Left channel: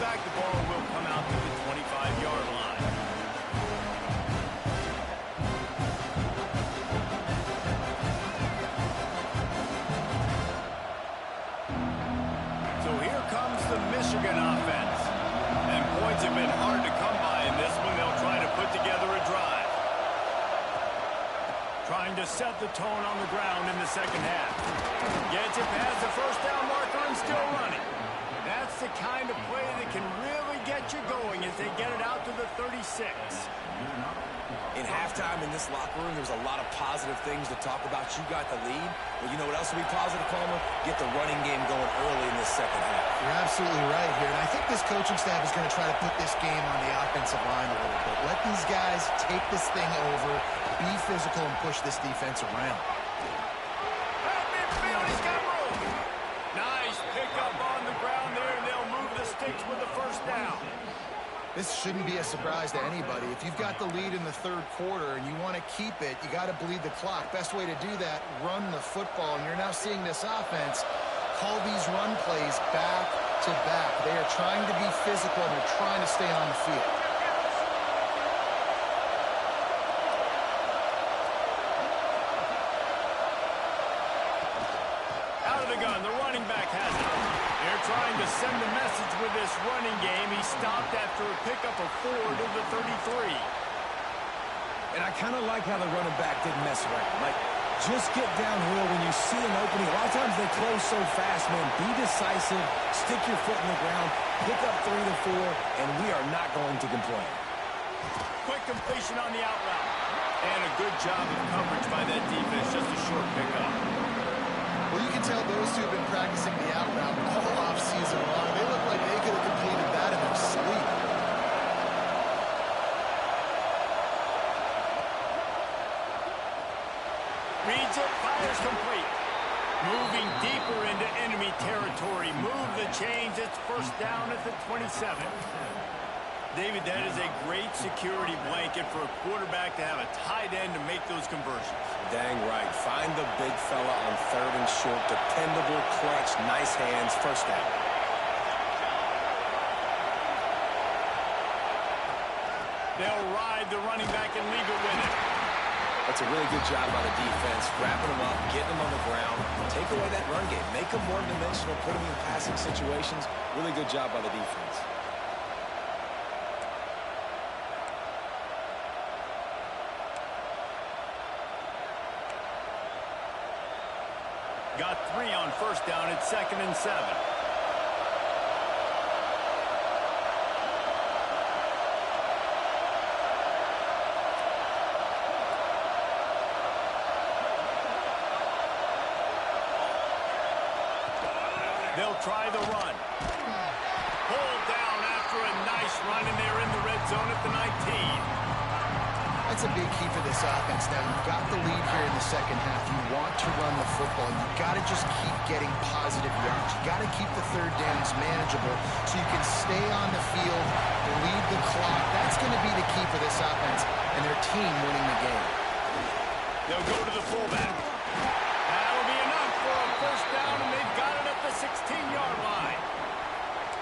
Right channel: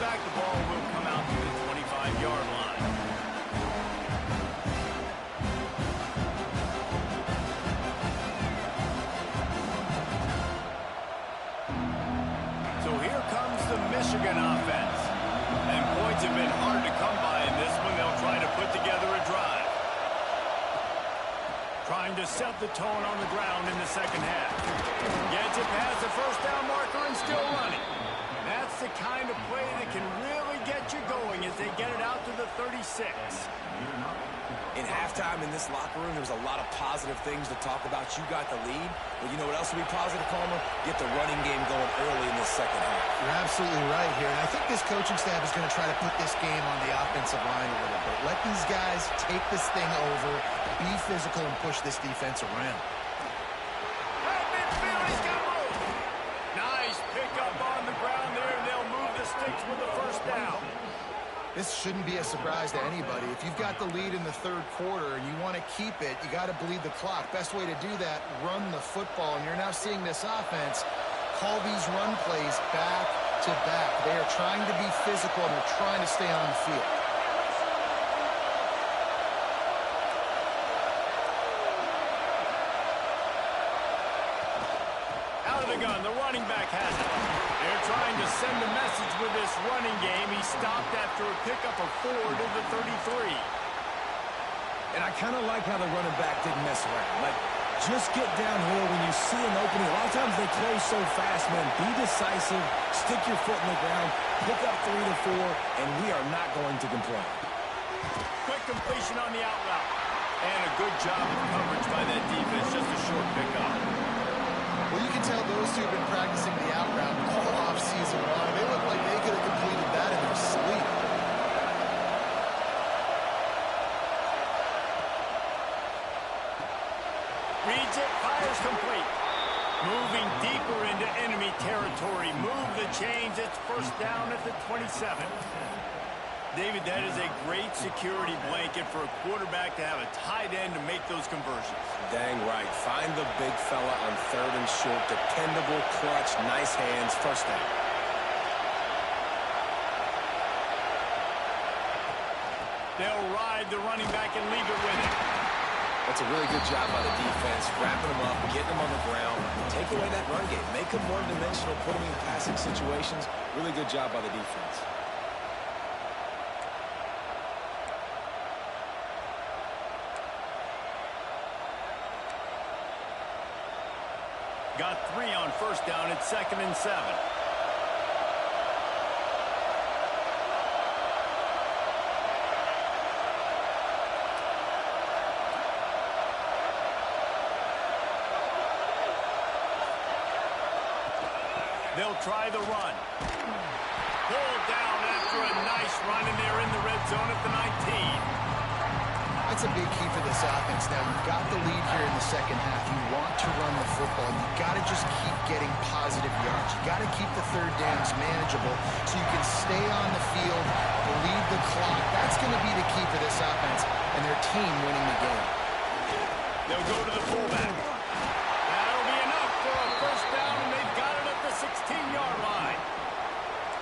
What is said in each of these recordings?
back, the ball will come out to the 25-yard line. So here comes the Michigan offense. And points have been hard to come by in this one. They'll try to put together a drive. Trying to set the tone on the ground in the second half. Gets it past the first down marker and still running. That's the kind of play that can really get you going as they get it out to the 36. In halftime in this locker room, there was a lot of positive things to talk about. You got the lead. Well, you know what else will be positive, Palmer? Get the running game going early in this second half. You're absolutely right here. And I think this coaching staff is going to try to put this game on the offensive line a little bit. Let these guys take this thing over, be physical, and push this defense around. At midfield, he's got room. Nice pickup on the ground there, and they'll move the sticks with the first down. This shouldn't be a surprise to anybody. If you've got the lead in the third quarter and you want to keep it, you got to bleed the clock. Best way to do that, run the football. And you're now seeing this offense call these run plays back to back. They are trying to be physical, and they're trying to stay on the field. Out of the gun, the running back has it. They're trying to send a message with this running game. He stopped after a pickup of 4 to the 33. And I kind of like how the running back didn't mess around. Like, just get downhill when you see an opening. A lot of times they close so fast, man. Be decisive, stick your foot in the ground, pick up 3 to 4, and we are not going to complain. Quick completion on the out route. And a good job of coverage by that defense. Just a short pickup. Well, you can tell those two have been practicing the out route all off-season long. They look like they could have completed that in their sleep. Reads it, fires complete. Moving deeper into enemy territory. Move the chains. It's first down at the 27. David, that is a great security blanket for a quarterback to have a tight end to make those conversions. Dang right. Find the big fella on third and short. Dependable, clutch, nice hands. First down. They'll ride the running back and leave it with him. That's a really good job by the defense. Wrapping them up, getting them on the ground. Take away that run game. Make them one-dimensional. Put them in passing situations. Really good job by the defense. Got 3 on first down at 2nd and 7. They'll try the run. Pulled down after a nice run, and they're in the red zone at the 19. That's a big key for this offense. Now, you've got the lead here in the second half. You want to run the football. You've got to just keep getting positive yards. You've got to keep the third downs manageable so you can stay on the field, bleed the clock. That's going to be the key for this offense and their team winning the game. They'll go to the fullback. That'll be enough for a first down, and they've got it at the 16-yard line.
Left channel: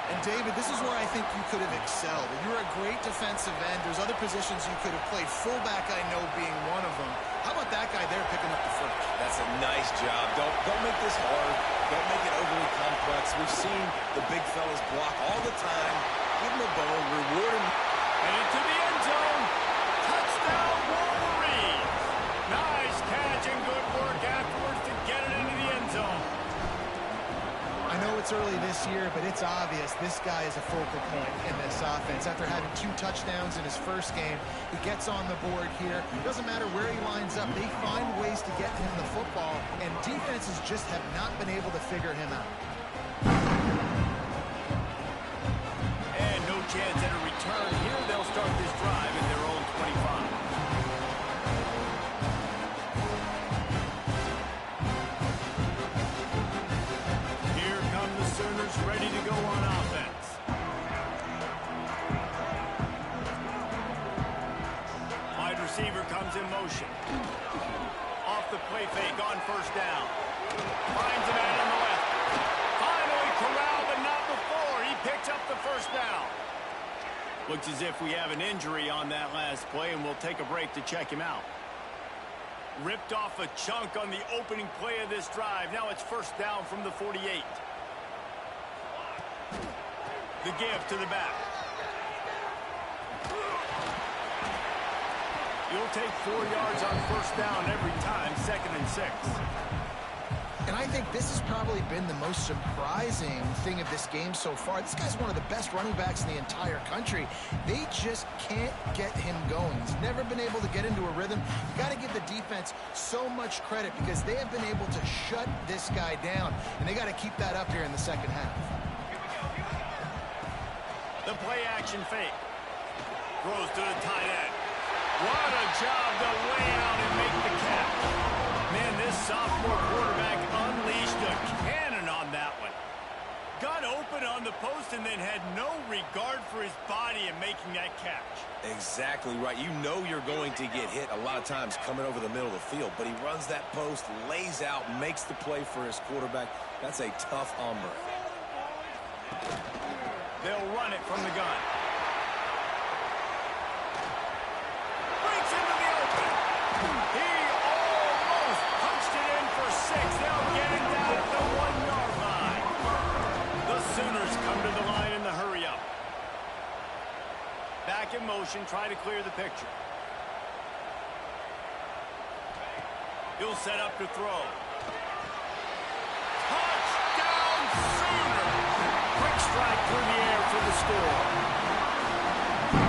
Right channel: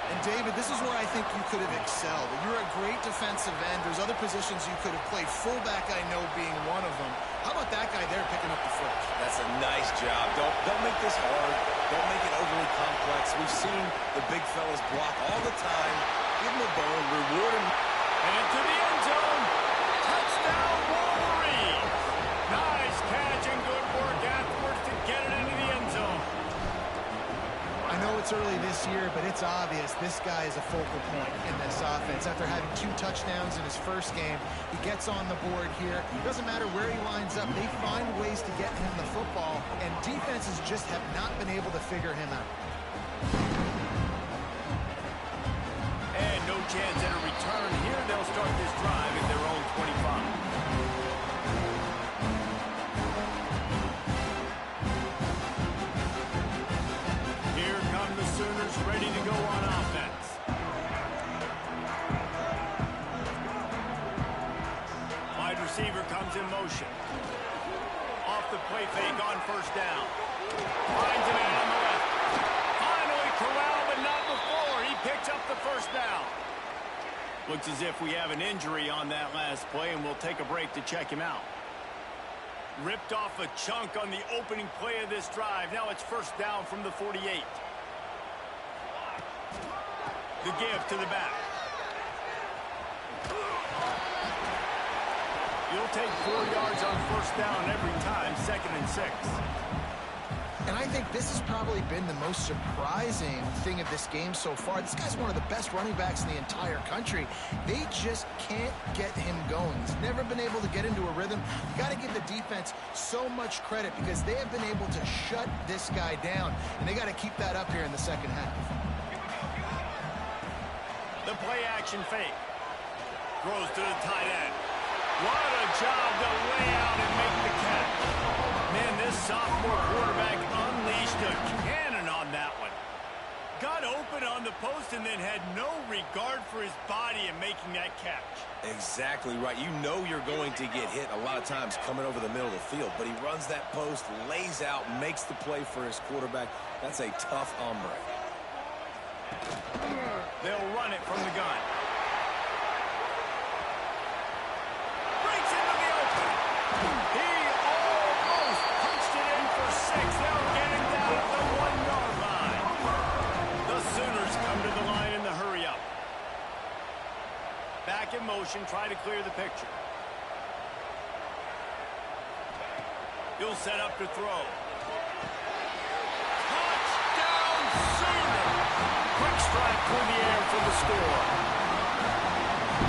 And, David, this is where I think you could have excelled. You're a great defensive end. There's other positions you could have played. Fullback, I know, being one of them. How about that guy there picking up the first? That's a nice job. Don't make this hard. Don't make it overly complex. We've seen the big fellas block all the time. Give him a bone, reward him. And into the end zone. Touchdown, Wolverines. Nice catch and good work afterwards to get it into the end zone. I know it's early this year, but it's obvious this guy is a focal point in this offense. After having 2 touchdowns in his first game, he gets on the board here. Doesn't matter where he lines up. They find ways to get him the football, and defenses just have not been able to figure him out. And no chance at a return here. They'll start this drive at their own 25. The Sooners ready to go on offense. Wide receiver comes in motion. Off the play fake on first down. Finds a man on the left. Finally corralled, but not before. He picks up the first down. Looks as if we have an injury on that last play, and we'll take a break to check him out. Ripped off a chunk on the opening play of this drive. Now it's first down from the 48. The give to the back. You'll take 4 yards on first down every time, 2nd and 6. And I think this has probably been the most surprising thing of this game so far. This guy's one of the best running backs in the entire country. They just can't get him going. He's never been able to get into a rhythm. You got to give the defense so much credit because they have been able to shut this guy down, and they got to keep that up here in the second half. The play action fake. Throws to the tight end. What a job to lay out and make the catch. Man, this sophomore quarterback unleashed a cannon on that one. Got open on the post and then had no regard for his body in making that catch. Exactly right. You know you're going to get hit a lot of times coming over the middle of the field, but he runs that post, lays out, makes the play for his quarterback. That's a tough hombre. They'll run it from the gun. Breaks into the open. He almost punched it in for 6. They'll get it down at the 1-yard line. The Sooners come to the line in the hurry-up. Back in motion, try to clear the picture. He'll set up to throw. Touchdown Sooners! Quick strike through the air for the score.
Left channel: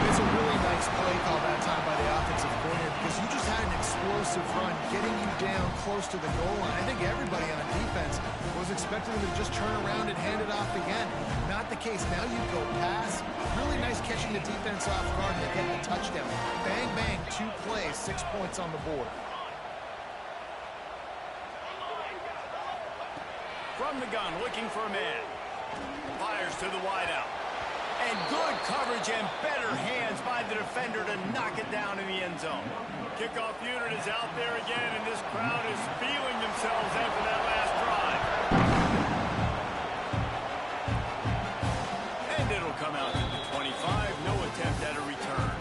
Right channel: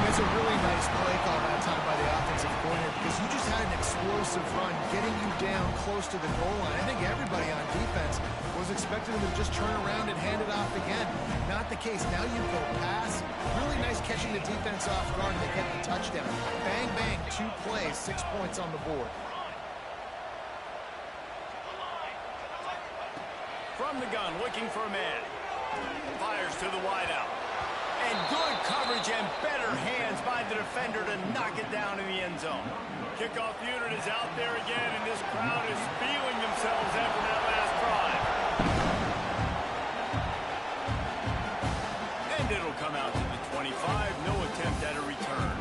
It's a really nice play call that time by the offensive coordinator because you just had an explosive run getting you down close to the goal line. I think everybody on defense was expecting them to just turn around and hand it off again. Not the case. Now you go pass. Really nice catching the defense off guard and they get the touchdown. Bang, bang, 2 plays, 6 points on the board. From the gun, looking for a man. Fires to the wideout. And good coverage and better hands by the defender to knock it down in the end zone. Kickoff unit is out there again, and this crowd is feeling themselves after that last drive. And it'll come out to the 25. No attempt at a return.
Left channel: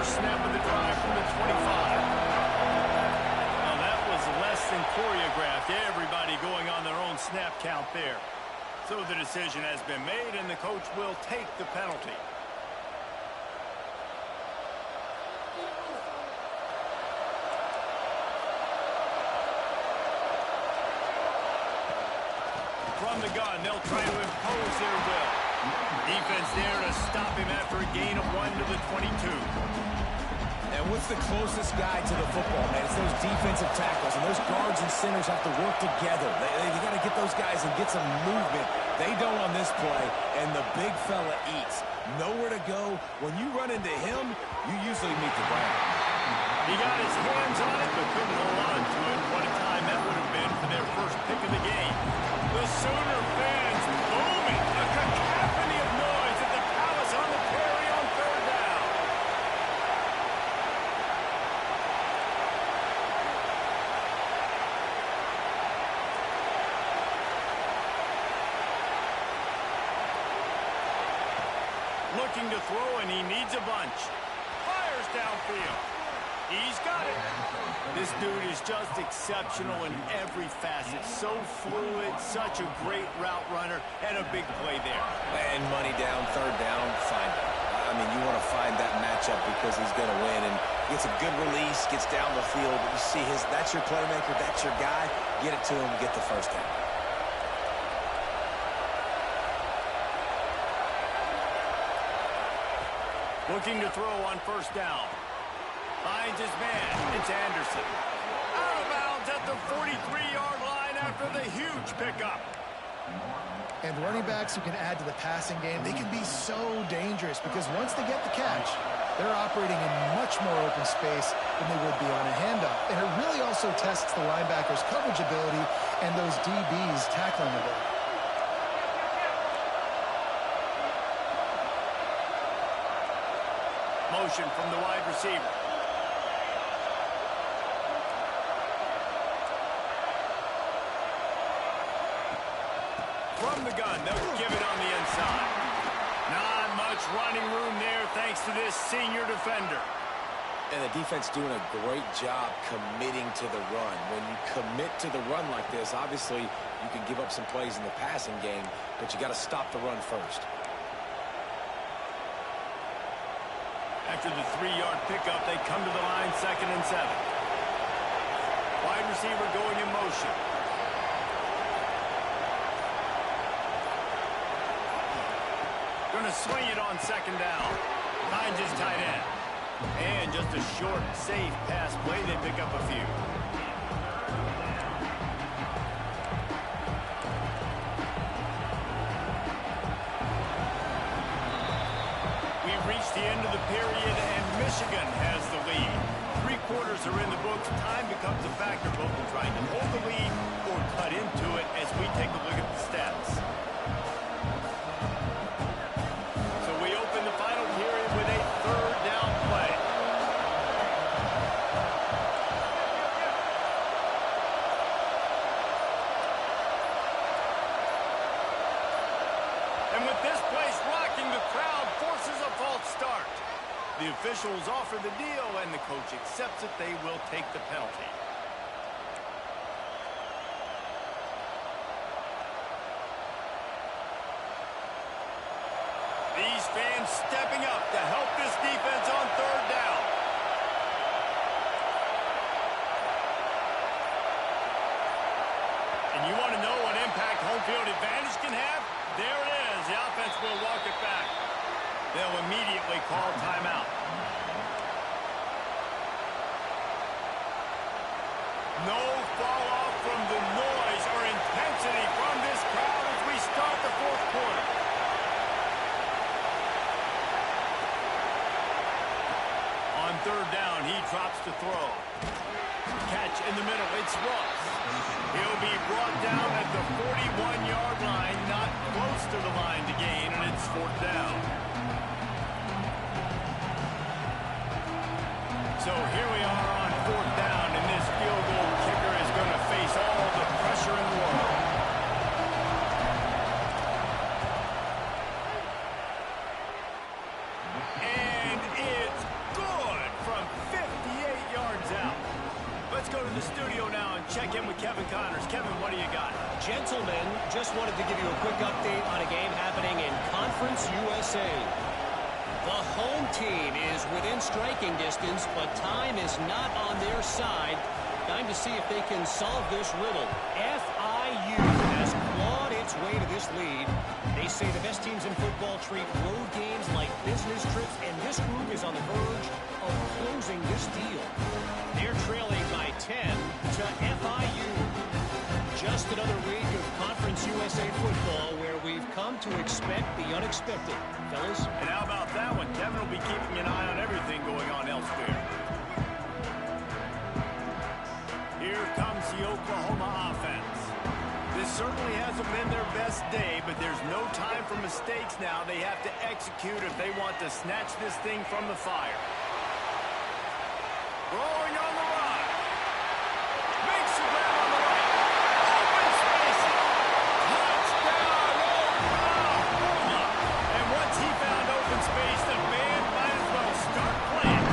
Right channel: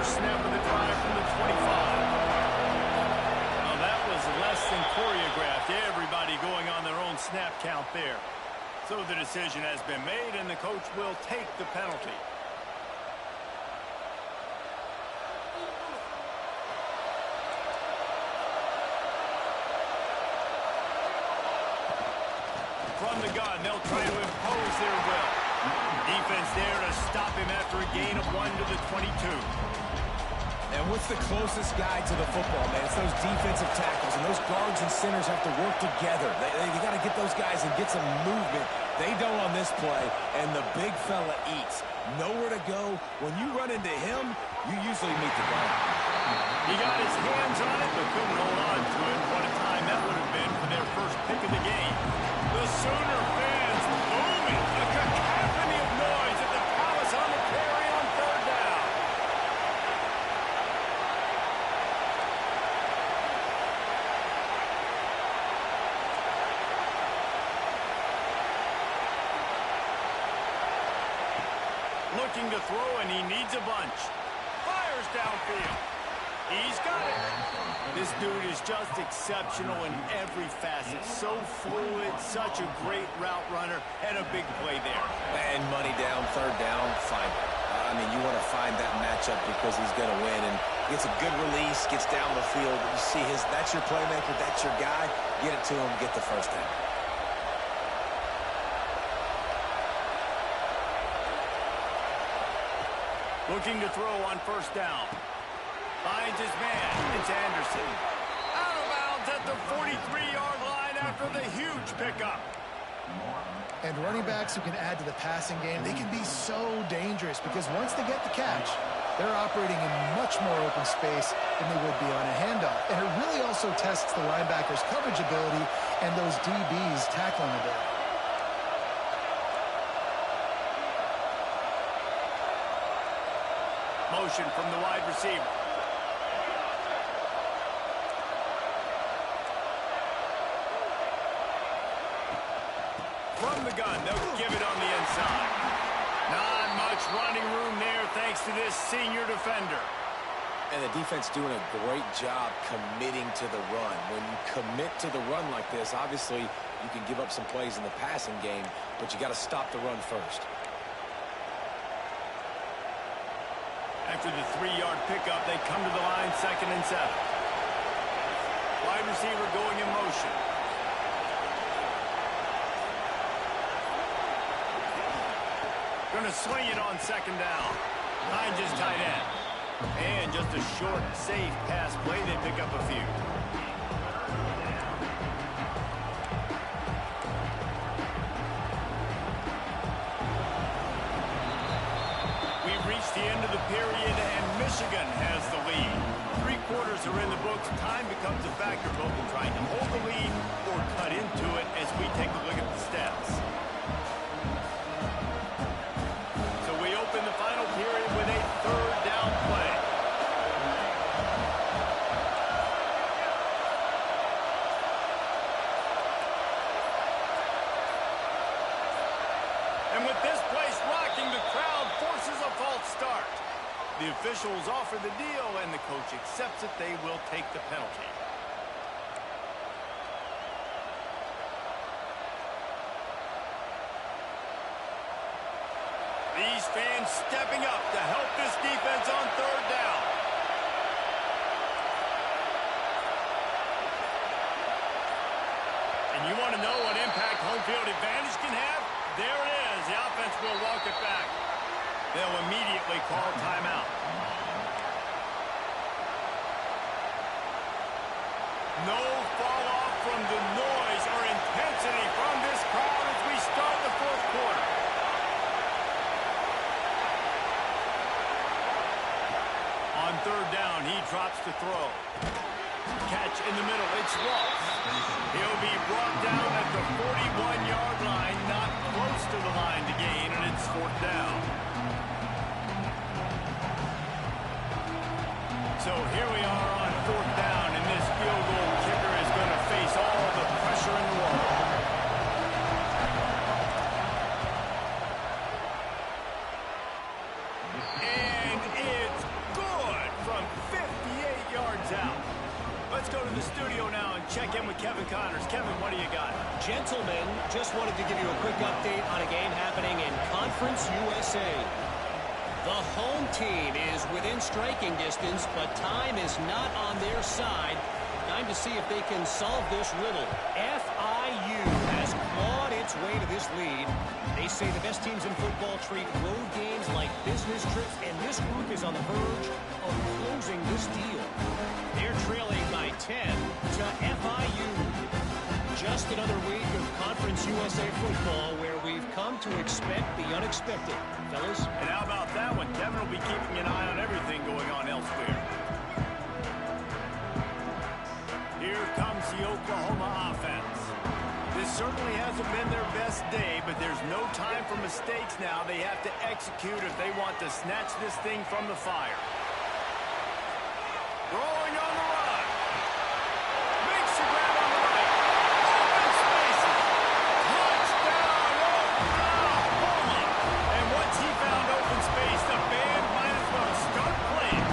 Snap of the drive from the 25. Well, that was less than choreographed. Everybody going on their own snap count there. So the decision has been made, and the coach will take the penalty. From the gun, they'll try to impose their will. Defense there to stop him after a gain of 1 to the 22. And what's the closest guy to the football, man? It's those defensive tackles, and those guards and centers have to work together. They got to get those guys and get some movement. They don't on this play, and the big fella eats. Nowhere to go. When you run into him, you usually meet the ground. He got his hands on it, but couldn't hold on to it. What a time that would have been for their first pick of the game. The Sooner fans booming. A cacophony of noise at the Palace on the Prairie on 3rd down. Looking to throw, and he needs a bunch. Fires downfield. He's got it. This dude is just exceptional in every facet. So fluid, such a great route runner, and a big play there. And money down, 3rd down, find him. I mean, you want to find that matchup because he's going to win. And gets a good release, gets down the field. You see that's your playmaker, that's your guy. Get it to him, get the first down. Looking to throw on 1st down. Finds his man. It's Anderson. Out of bounds at the 43-yard line after the huge pickup. And running backs who can add to the passing game, they can be so dangerous because once they get the catch, they're operating in much more open space than they would be on a handoff. And it really also tests the linebackers' coverage ability and those DBs' tackling ability. Motion from the wide receiver. From the gun, they'll give it on the inside. Not much running room there thanks to this senior defender. And the defense doing a great job committing to the run. When you commit to the run like this, obviously you can give up some plays in the passing game, but you got to stop the run first. After the 3-yard pickup, they come to the line 2nd and 7. Wide receiver going in motion. Going to swing it on 2nd down. Finds his tight end. And just a short, safe pass play. They pick up a few. We've reached the end of the period, and Michigan has the lead. 3 quarters are in the books. Time becomes a factor both in trying to hold the lead or cut into it as we take a look at the stats. So we open the final period with a 3rd down play. And with this place rocking, the crowd forces a false start. The officials offer the deal, and the coach accepts it. They will take the penalty. These fans stepping up to help this defense on 3rd down. And you want to know what impact home field advantage can have? There it is. The offense will walk it back. They'll immediately call timeout. No fall off from the noise or intensity from this crowd as we start the 4th quarter. On 3rd down, he drops to throw. Catch in the middle, it's Ross. He'll be brought down at the 41-yard line, not close to the line to gain, and it's 4th down. So here we are on 4th down, and this field goal kicker is going to face all the pressure in the world. And it's good from 58 yards out. Let's go to the studio now and check in with Kevin Connors. Kevin, what do you got? Gentlemen, just wanted to give you a quick update on a game happening in Conference USA. The home team is within striking distance, but time is not on their side. Time to see if they can solve this riddle. FIU has clawed its way to this lead. They say the best teams in football treat road games like business trips, and this group is on the verge of closing this deal. They're trailing by 10 to FIU. Just another week of Conference USA football where we've come to expect the unexpected. Fellas? And how about that one? Kevin will be keeping an eye on everything going on elsewhere. Here comes the Oklahoma offense. This certainly hasn't been their best day, but there's no time for mistakes now. They have to execute if they want to snatch this thing from the fire. Throwing on the run. Makes the grab on the right. Open spaces. Touchdown, Oklahoma. And once he found open space, the band might as well start playing.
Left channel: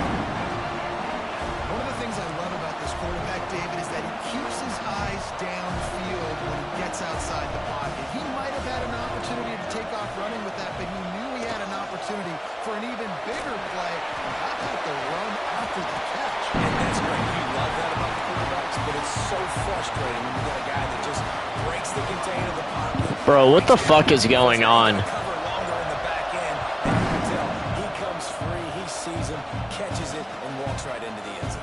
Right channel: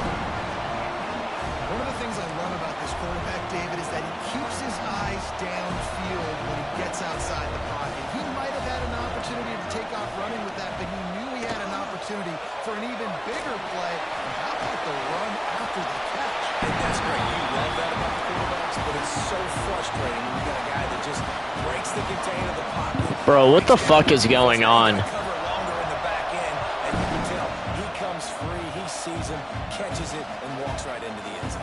One of the things I love about this quarterback, David, is that he keeps his eyes downfield when he gets outside the pocket. He might have had an opportunity to take off running with that, but he knew he had an opportunity for an even bigger play. And how about the run after the catch? And that's great. You love that about the quarterbacks, but it's so frustrating when you got a guy that just breaks the contain of the pocket. Bro, what the fuck is going on? Cover longer in the back end, and you can tell he comes free, he sees him, catches it, and walks right into the end zone.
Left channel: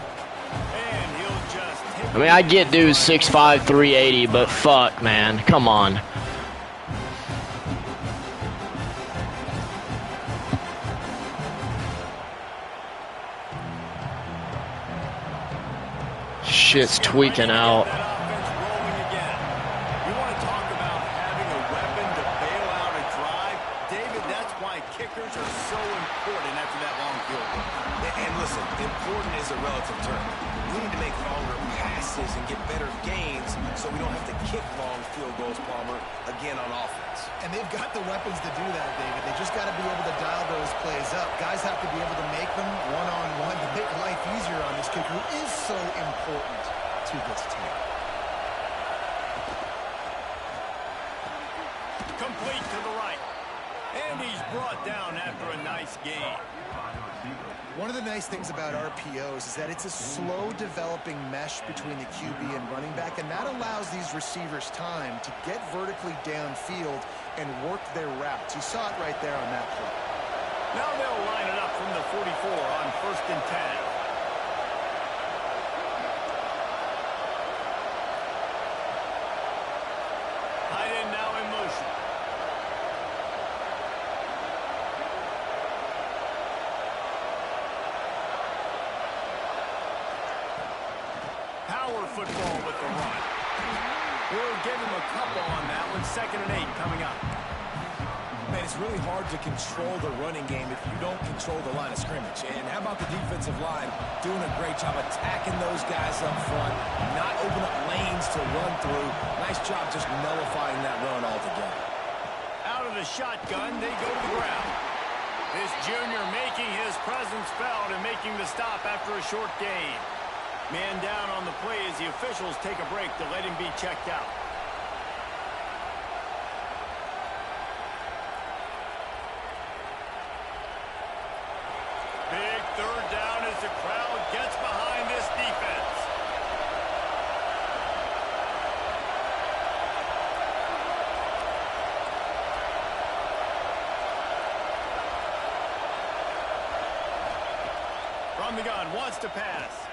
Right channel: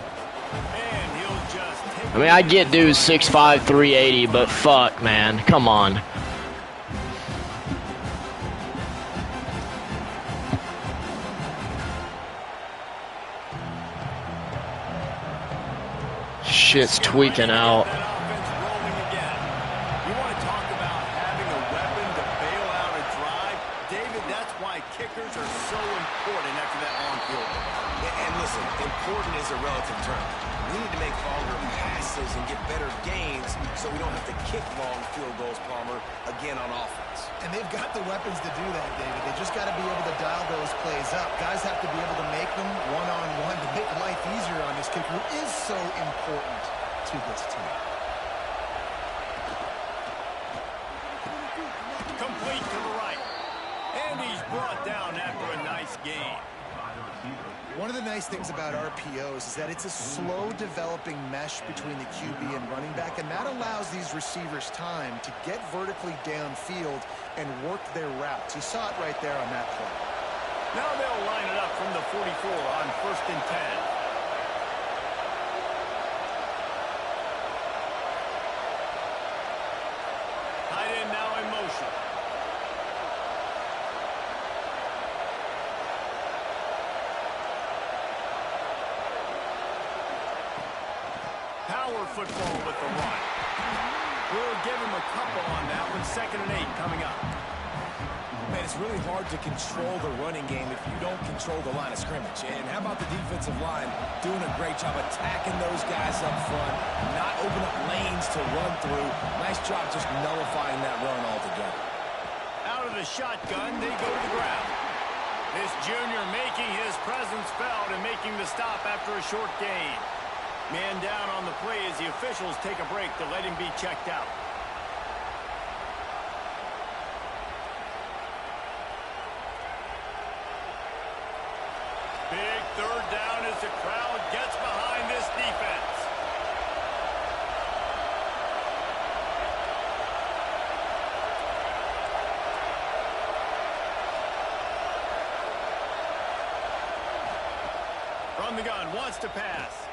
And he'll just take I mean, I get dude's 6'5", 380, but fuck, man. Come on. shit's tweaking out. That offense rolling again. You want to talk about having a weapon to bail out a drive? David, that's why kickers are so important after that long field goal. And listen, important is a relative term. We need to make longer passes and get better gains so we don't have to kick long field goals, Palmer, again on offense. And they've got the weapons to do that, David. They just got to be able to dial those plays up. Guys have to be able to make them one-on-one to make life easier on this kicker, who is so important to this team. Complete to the right. And he's brought down after a nice gain. One of the nice things about RPOs is that it's a slow developing mesh between the QB and running back, and that allows these receivers time to get vertically downfield and work their routes. You saw it right there on that play. Now they'll line it up from the 44 on 1st and 10. Tight end now in motion. Power football with the run. We'll give him a couple on that one. 2nd and 8 coming up. Man, it's really hard to control the running game if you don't control the line of scrimmage. And how about the defensive line doing a great job attacking those guys up front, not open up lanes to run through. Nice job just nullifying that run altogether. Out of the shotgun, they go to the ground. This junior making his presence felt and making the stop after a short gain. Man down on the play as the officials take a break to let him be checked out. Big 3rd down as the crowd gets behind this defense. From the gun, wants to pass.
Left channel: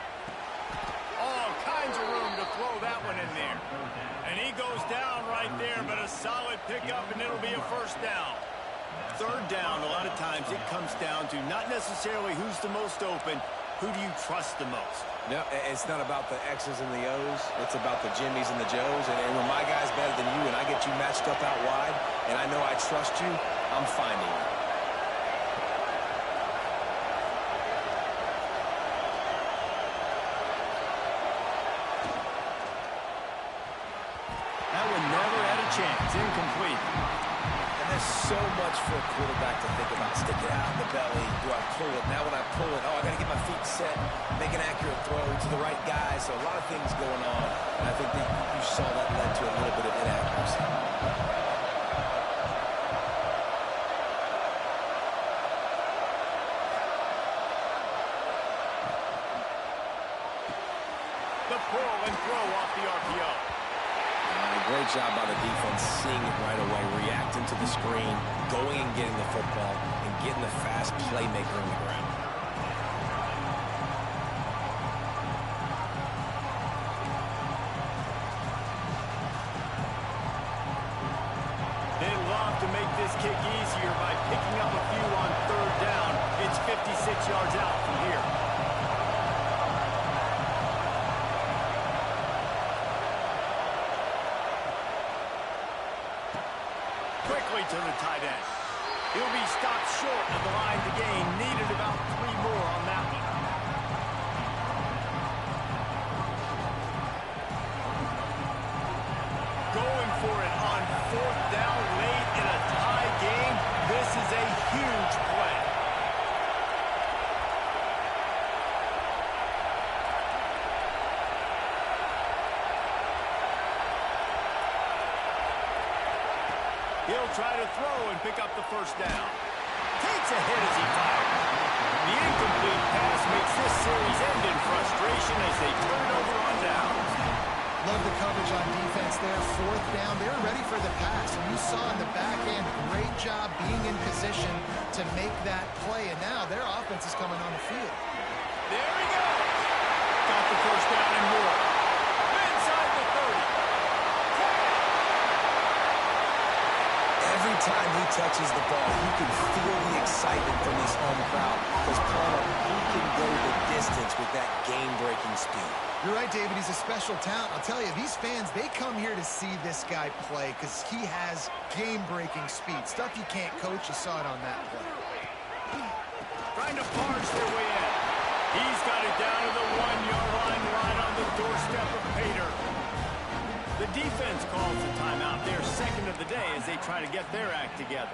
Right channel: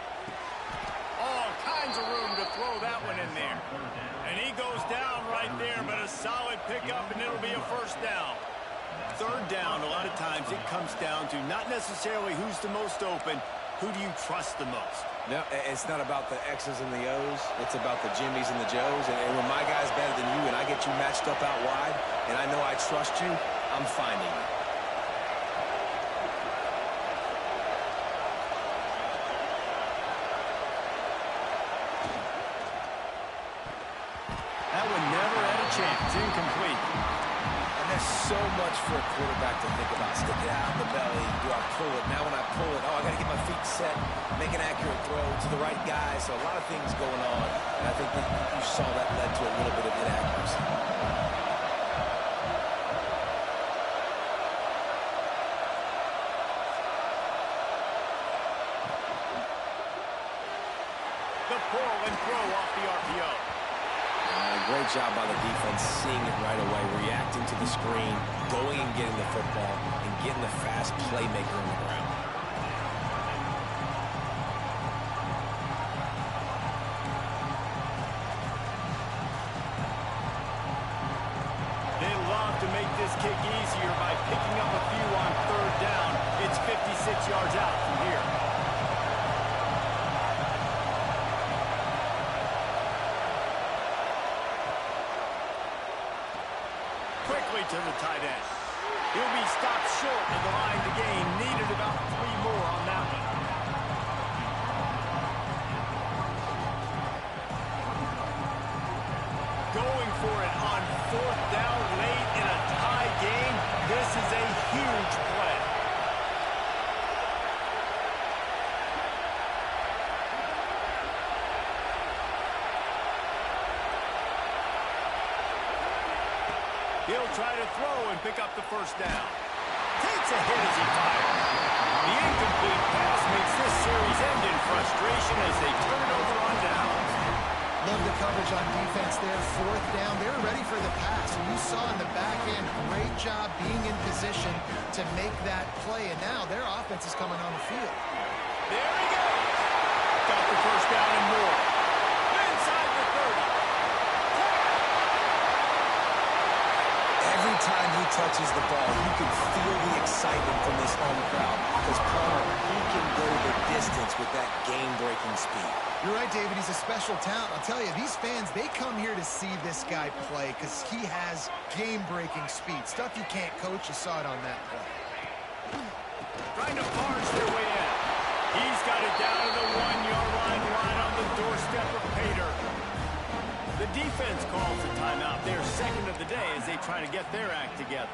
All kinds of room to throw that one in there. And he goes down right there, but a solid pickup, and it'll be a 1st down. 3rd down, a lot of times it comes down to not necessarily who's the most open, who do you trust the most? No, it's not about the X's and the O's. It's about the Jimmies and the Joes. And when my guy's better than you and I get you matched up out wide, and I know I trust you, I'm finding you. That one never had a chance. Incomplete. And there's so much for a quarterback to think about. Stick it out in the belly. Do I pull it? Now when I pull it, I got to get my feet set, make an accurate throw to the right guy. So a lot of things going on. And I think that you saw that led to a little bit of inaccuracy. The pull and throw off the RPO. A great job by the defense, seeing it right away, reacting to the screen, going and getting the football, and getting the fast playmaker on the ground. They love to make this kick easier by picking up a few on 3rd down. It's 56 yards out from here. Quickly to the tight end. He'll be stopped short of the line to gain. Needed about 3 more on that one. Going for it on 4th down late in a tie game. This is a huge play. He'll try to throw and pick up the 1st down. Takes a hit as he fires. The incomplete pass makes this series end in frustration as they turn it over on downs. Love the coverage on defense there. 4th down. They were ready for the pass. And you saw in the back end, great job being in position to make that play. And now their offense is coming on the field. There he goes. Got the 1st down and more. Inside the 30. Every time he touches the ball, you can feel the excitement from this home crowd because Palmer, he can go the distance with that game-breaking speed. You're right, David. He's a special talent. I'll tell you, these fans, they come here to see this guy play because he has game-breaking speed. Stuff you can't coach. You saw it on that play. Trying to barge their way in. He's got it down to the 1-yard line, right on the doorstep of Pater. The defense calls the timeout. They're second of the day as they try to get their act together.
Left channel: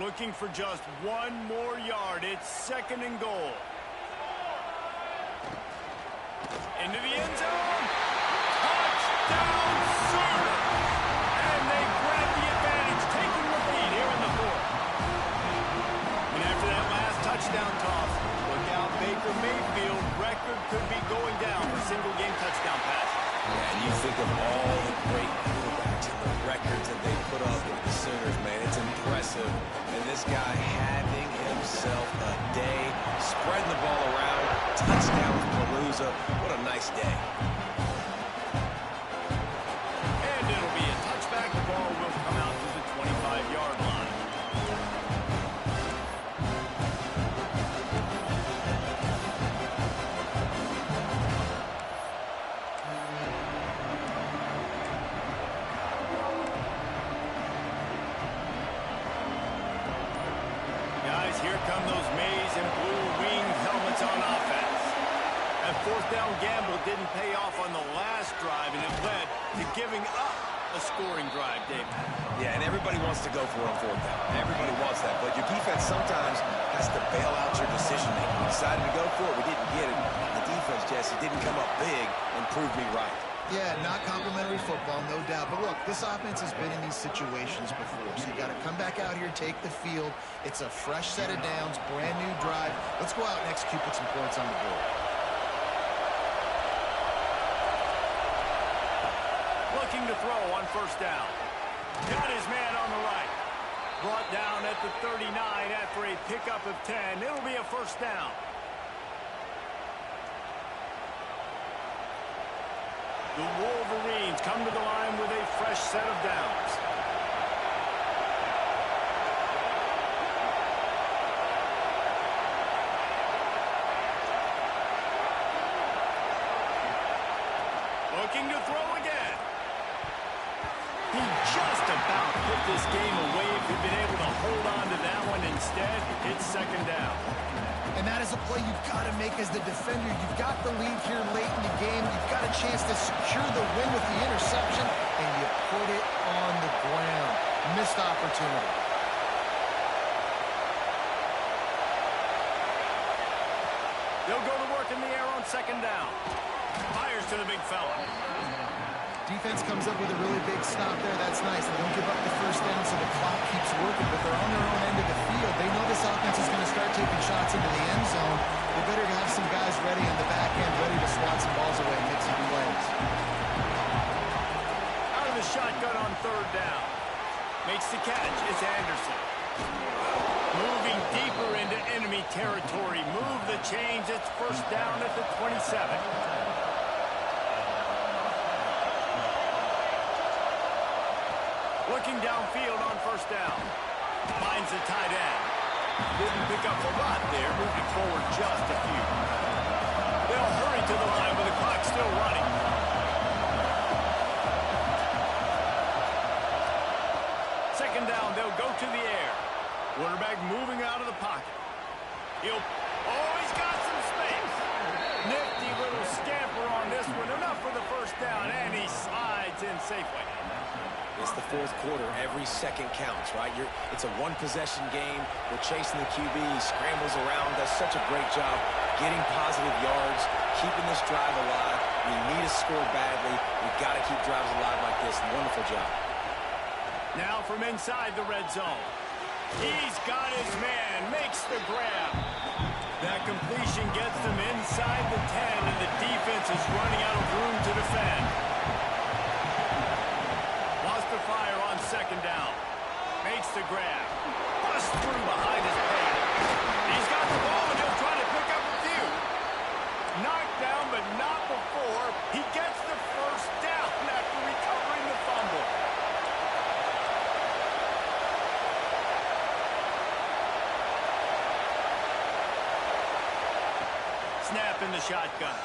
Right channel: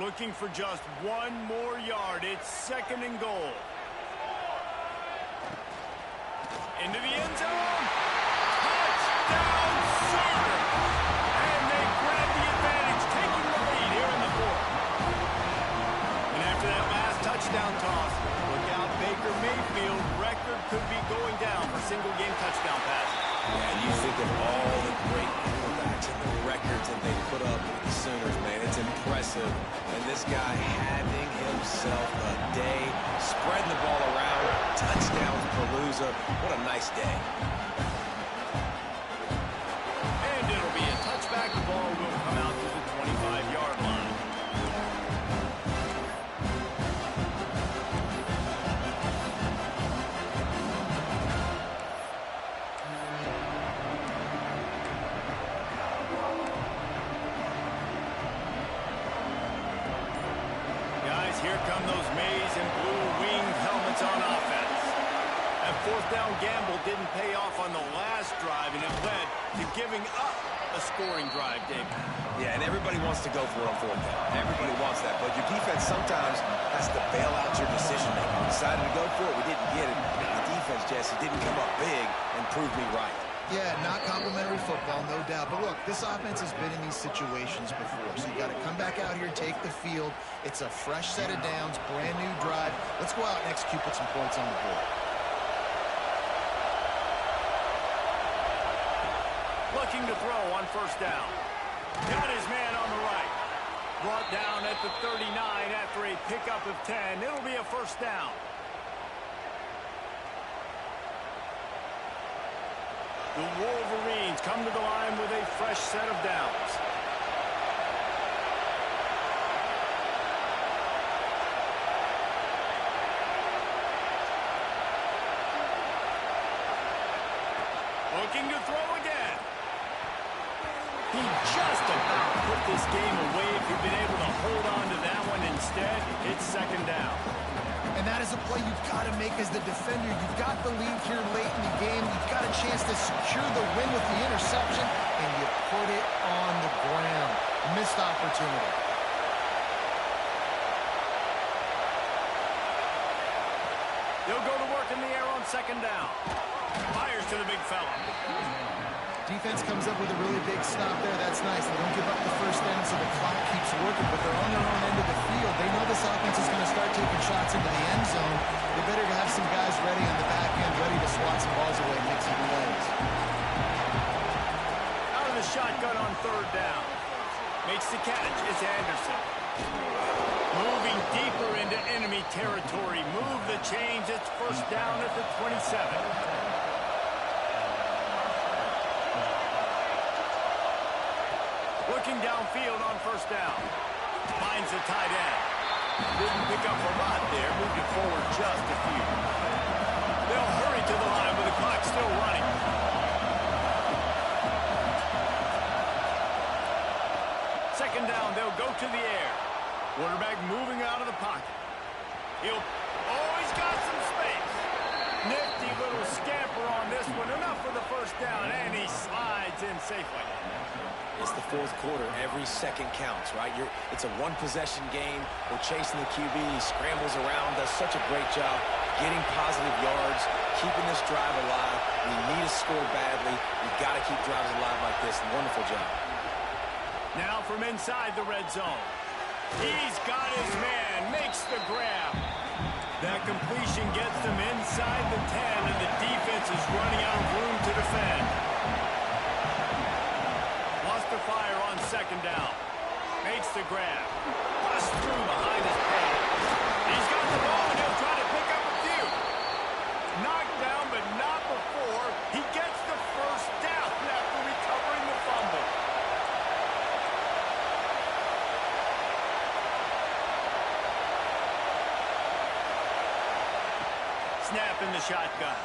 Looking for just one more yard. It's second and goal. Into the end zone. Touchdown Sooners. And they grab the advantage, taking the lead here in the fourth. And after that last touchdown toss, look out, Baker Mayfield. Record could be going down for single-game touchdown passes. Yeah, and you think of all the great quarterbacks and the records that they put up with the Sooners, man. It's impressive. And this guy having himself a day, spreading the ball around, touchdowns Palooza. What a nice day. And it'll be a touchback. The ball will come out to the 25-yard line. Here come those maize and blue-winged helmets on offense. That fourth down gamble didn't pay off on the last drive, and it led to giving up a scoring drive, Dave. Yeah, and everybody wants to go for it on fourth down. Everybody wants that, but your defense sometimes has to bail out your decision-making. We decided to go for it. We didn't get it. The defense, Jesse, didn't come up big and prove me right. Yeah, not complimentary football, no doubt. But look, this offense has been in these situations before. So you got to come back out here, take the field. It's a fresh set of downs, brand new drive. Let's go out and execute, put some points on the board. Looking to throw on first down. Got his man on the right. Brought down at the 39 after a pickup of 10. It'll be a first down. The Wolverines come to the line with a fresh set of downs. Looking to throw again. He just about put this game away if he'd been able to hold on to that one. Instead, it's second down. And that is a play you've got to make as the defender. You've got the lead here late in the game. You've got a chance to secure the win with the interception, and you put it on the ground. Missed opportunity. They'll go to work in the air on second down. Fires to the big fella. Defense comes up with a really big stop there. That's nice. They don't give up the first down, so the clock keeps working, but they're on their own end of the field. They know this offense is going to start taking shots into the end zone. They better have some guys ready on the back end, ready to swat some balls away and make some plays. Out of the shotgun on third down. Makes the catch. It's Anderson. Moving deeper into enemy territory. Move the chains. It's first down at the 27. Looking downfield on first down. Finds the tight end. Didn't pick up a lot there. Moved it forward just a few. They'll hurry to the line with the clock still running. Second down, they'll go to the air. Quarterback moving out of the pocket. He's got some space. Nifty little scamper on this one. Enough for the first down, and he slides in safely. It's the fourth quarter. Every second counts, right? It's a one-possession game. We're chasing the QB. He scrambles around, does such a great job getting positive yards, keeping this drive alive. We need to score badly. We've got to keep drives alive like this. Wonderful job. Now from inside the red zone. He's got his man. Makes the grab. That completion gets them inside the 10, and the defense is running out of room to defend. Lost the fire on second down. Makes the grab. Busts through behind his pad. He's got the ball, and he'll try to pick up a few. Knocked down, but not before he gets the first down after recovering the fumble. Snap in the shotgun.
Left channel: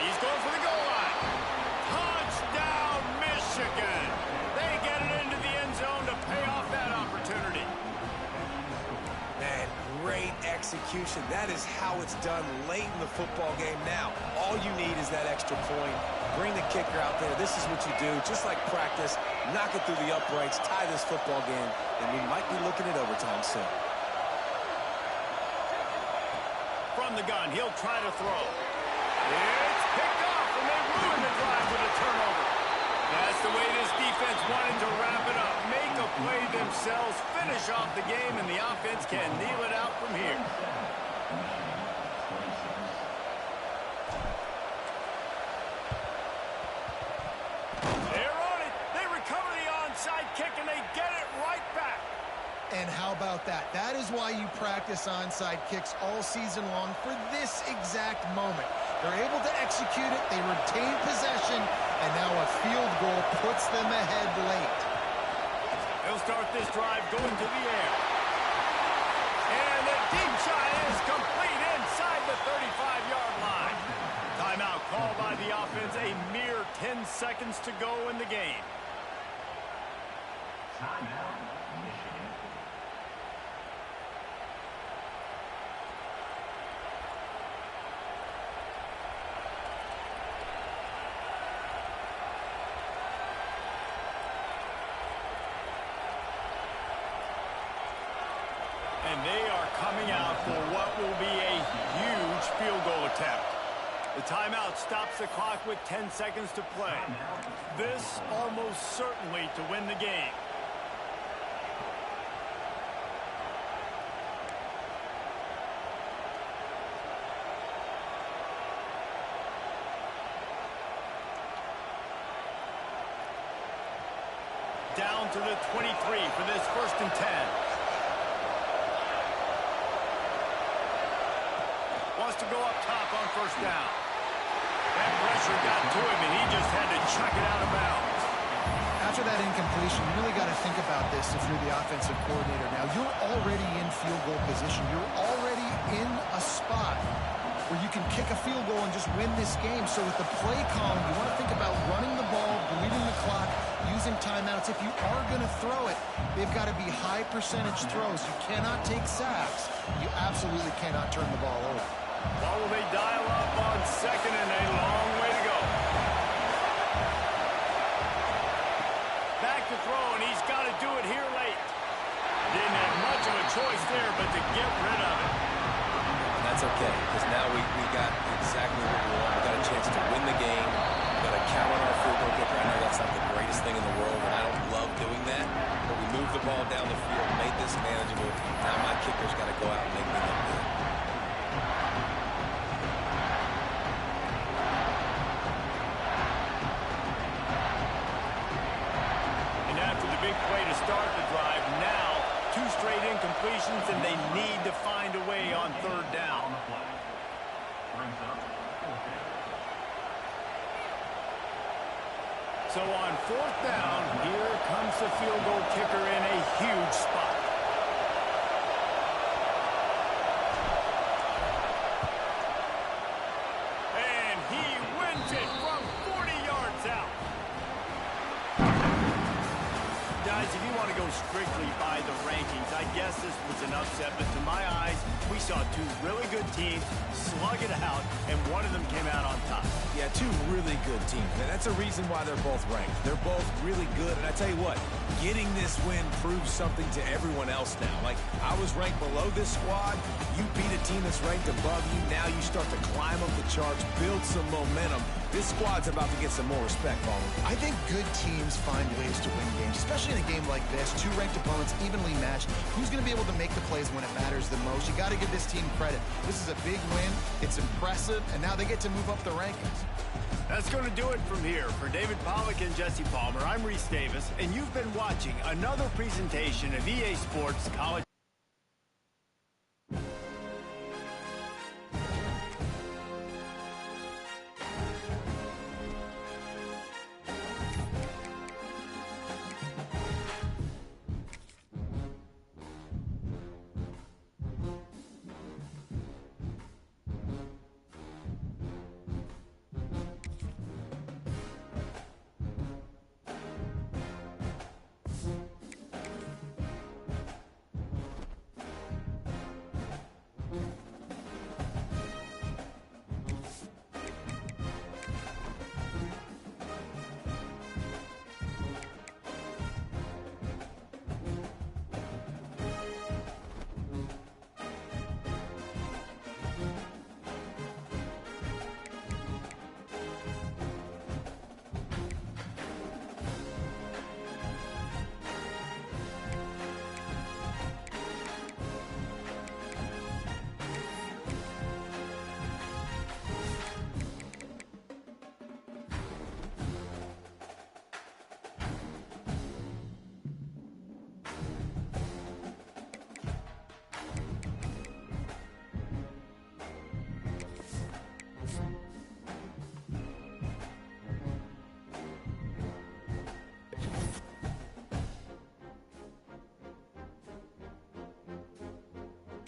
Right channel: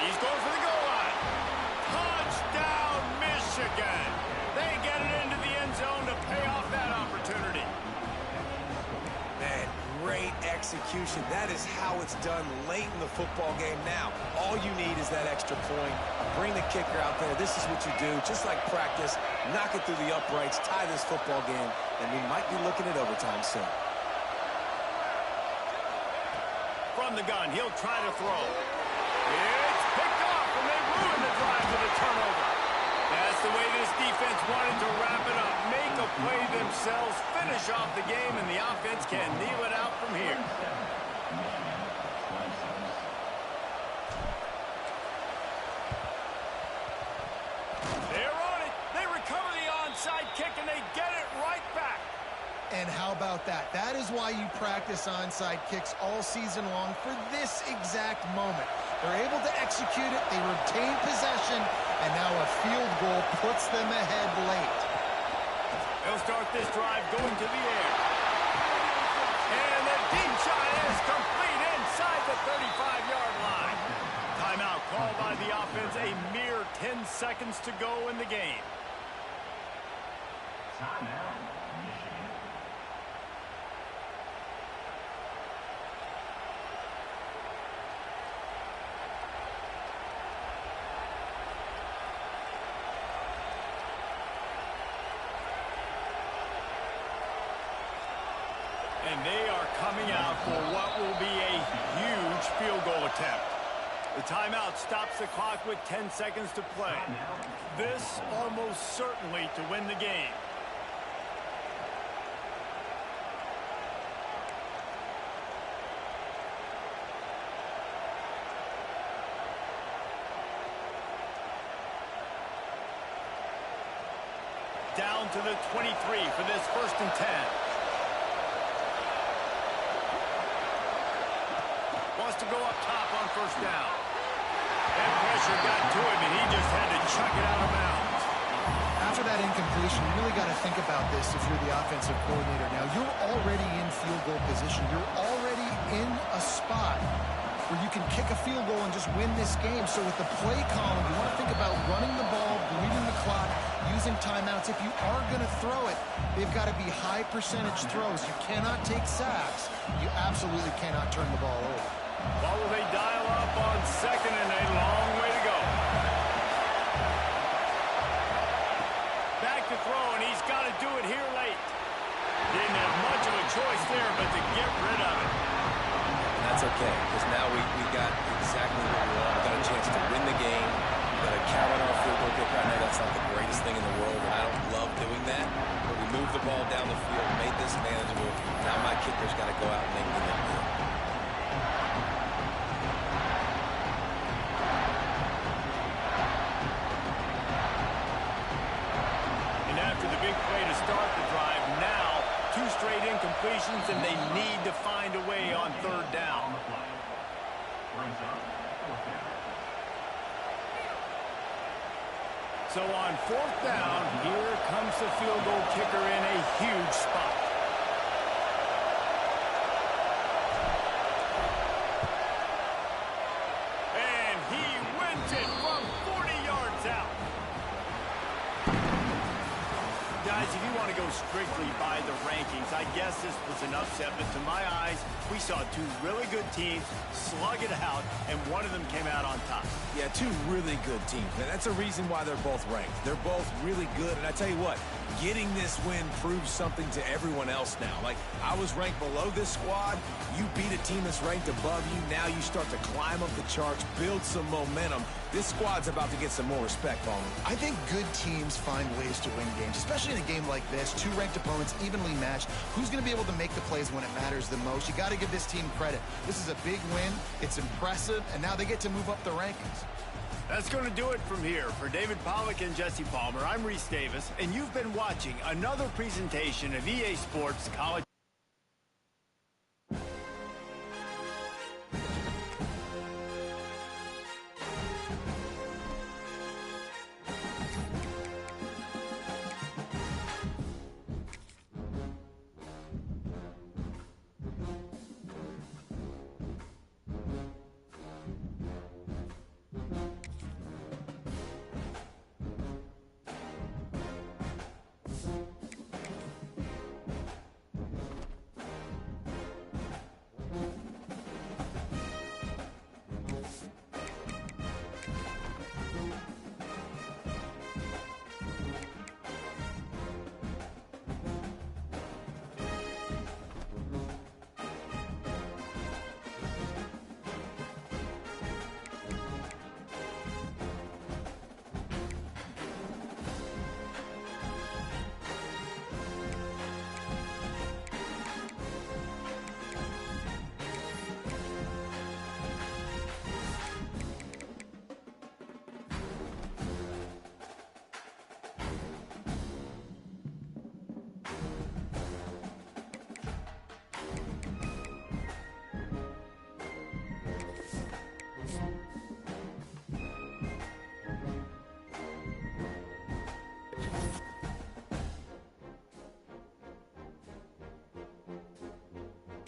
He's going for the goal line. Touchdown, Michigan. They get it into the end zone to pay off that opportunity. Man, great execution. That is how it's done late in the football game now. All you need is that extra point. Bring the kicker out there. This is what you do. Just like practice, knock it through the uprights, tie this football game, and we might be looking at overtime soon. From the gun, he'll try to throw. It's picked off, and they ruin the drive with a turnover. That's the way this defense wanted to wrap it up. Make a play themselves, finish off the game, and the offense can kneel it out from here. They're on it. They recover the onside kick, and they get it right back. And how about that? That is why you practice onside kicks all season long, for this exact moment. They're able to execute it, they retain possession, and now a field goal puts them ahead late. They'll start this drive going to the air. And the deep shot is complete inside the 35-yard line. Timeout called by the offense, a mere 10 seconds to go in the game. Timeout, Michigan. And they are coming out for what will be a huge field goal attempt. The timeout stops the clock with 10 seconds to play. This almost certainly to win the game. Down to the 23 for this 1st and 10. Wants to go up top on 1st down. That pressure got to him, and he just had to chuck it out of bounds. After that incompletion, you really got to think about this if you're the offensive coordinator. Now, you're already in field goal position. You're already in a spot where you can kick a field goal and just win this game. So with the play column, you want to think about running the ball, bleeding the clock, using timeouts. If you are going to throw it, they've got to be high percentage throws. You cannot take sacks. You absolutely cannot turn the ball over. What will they dial up on 2nd and a long way to go? Back to throw, and he's got to do it here late. Didn't have much of a choice there, but to get rid of it. And that's okay, because now we got exactly what we want. We got a chance to win the game. We got to count on our field goal kicker. I know that's not the greatest thing in the world, and I don't love doing that. But we moved the ball down the field, made this manageable. Now my kicker's got to go out and make me look good. Big play to start the drive. Now 2 straight incompletions, and they need to find a way on 3rd down. So on 4th down, here comes the field goal kicker in a huge spot. And he wins it from 40 yards out. Guys, if you want to go strictly by the rankings, I guess this was an upset, but to my eyes, we saw 2 really good teams slug it out, and one of them came out on top. Yeah, 2 really good teams. And that's a reason why they're both ranked. They're both really good, and I tell you what, getting this win proves something to everyone else now. Like, I was ranked below this squad. You beat a team that's ranked above you. Now you start to climb up the charts, build some momentum. This squad's about to get some more respect, Palmer. I think good teams find ways to win games, especially in a game like this. 2 ranked opponents, evenly matched. Who's going to be able to make the plays when it matters the most? You got to give this team credit. This is a big win. It's impressive, and now they get to move up the rankings. That's going to do it from here. For David Pollack and Jesse Palmer, I'm Reese Davis, and you've been watching another presentation of EA Sports College